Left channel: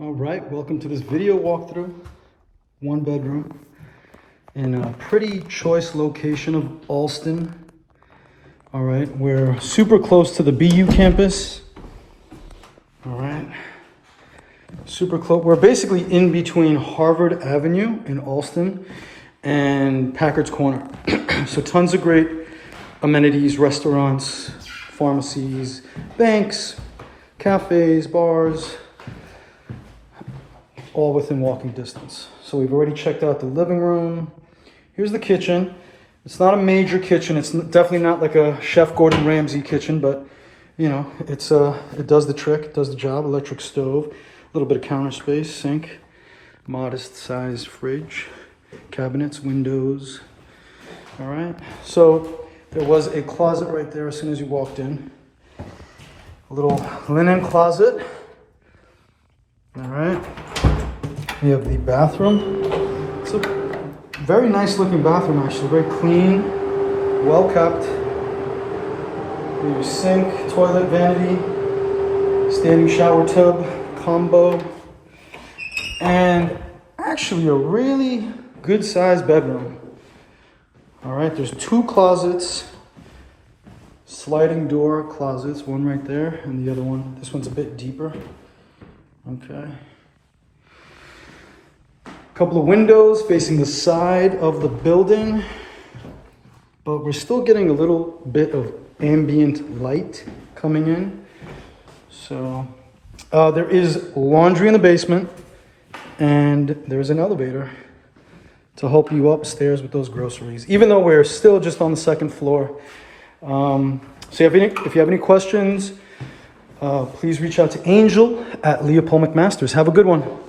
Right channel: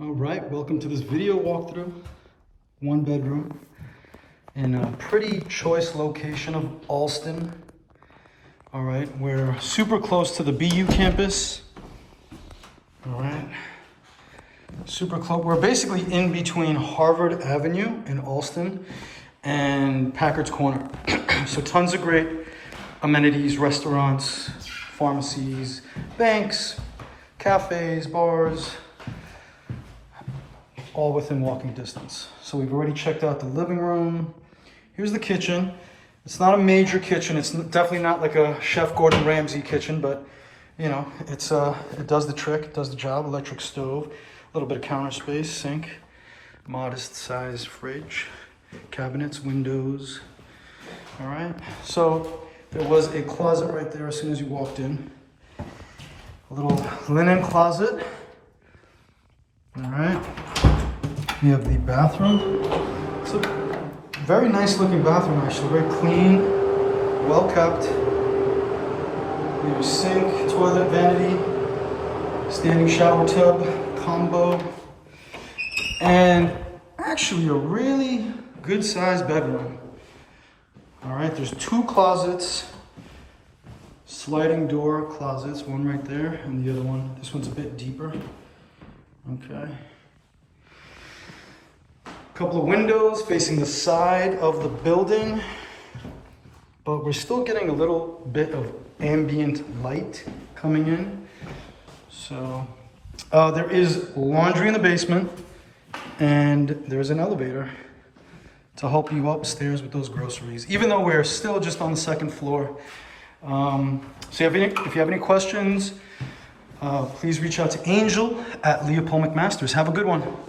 All right, welcome to this video walkthrough. One bedroom in a pretty choice location of Allston. All right, we're super close to the BU campus. All right, super close. We're basically in between Harvard Avenue in Allston and Packards Corner. So tons of great amenities, restaurants, pharmacies, banks, cafes, bars, all within walking distance. So we've already checked out the living room. Here's the kitchen. It's not a major kitchen. It's definitely not like a Chef Gordon Ramsay kitchen, but you know, it does the trick, it does the job. Electric stove, a little bit of counter space, sink, modest size fridge, cabinets, windows. All right, so there was a closet right there as soon as you walked in. A little linen closet. All right. We have the bathroom. It's a very nice looking bathroom actually, very clean, well kept. We have a sink, toilet, vanity, standing shower tub, combo, and actually a really good sized bedroom. All right, there's two closets, sliding door closets, one right there and the other one, this one's a bit deeper. Okay. Couple of windows facing the side of the building, but we're still getting a little bit of ambient light coming in. So there is laundry in the basement and there's an elevator to help you upstairs with those groceries, even though we're still just on the second floor. So if you have any questions, please reach out to Angel at Leopold McMasters. Have a good one.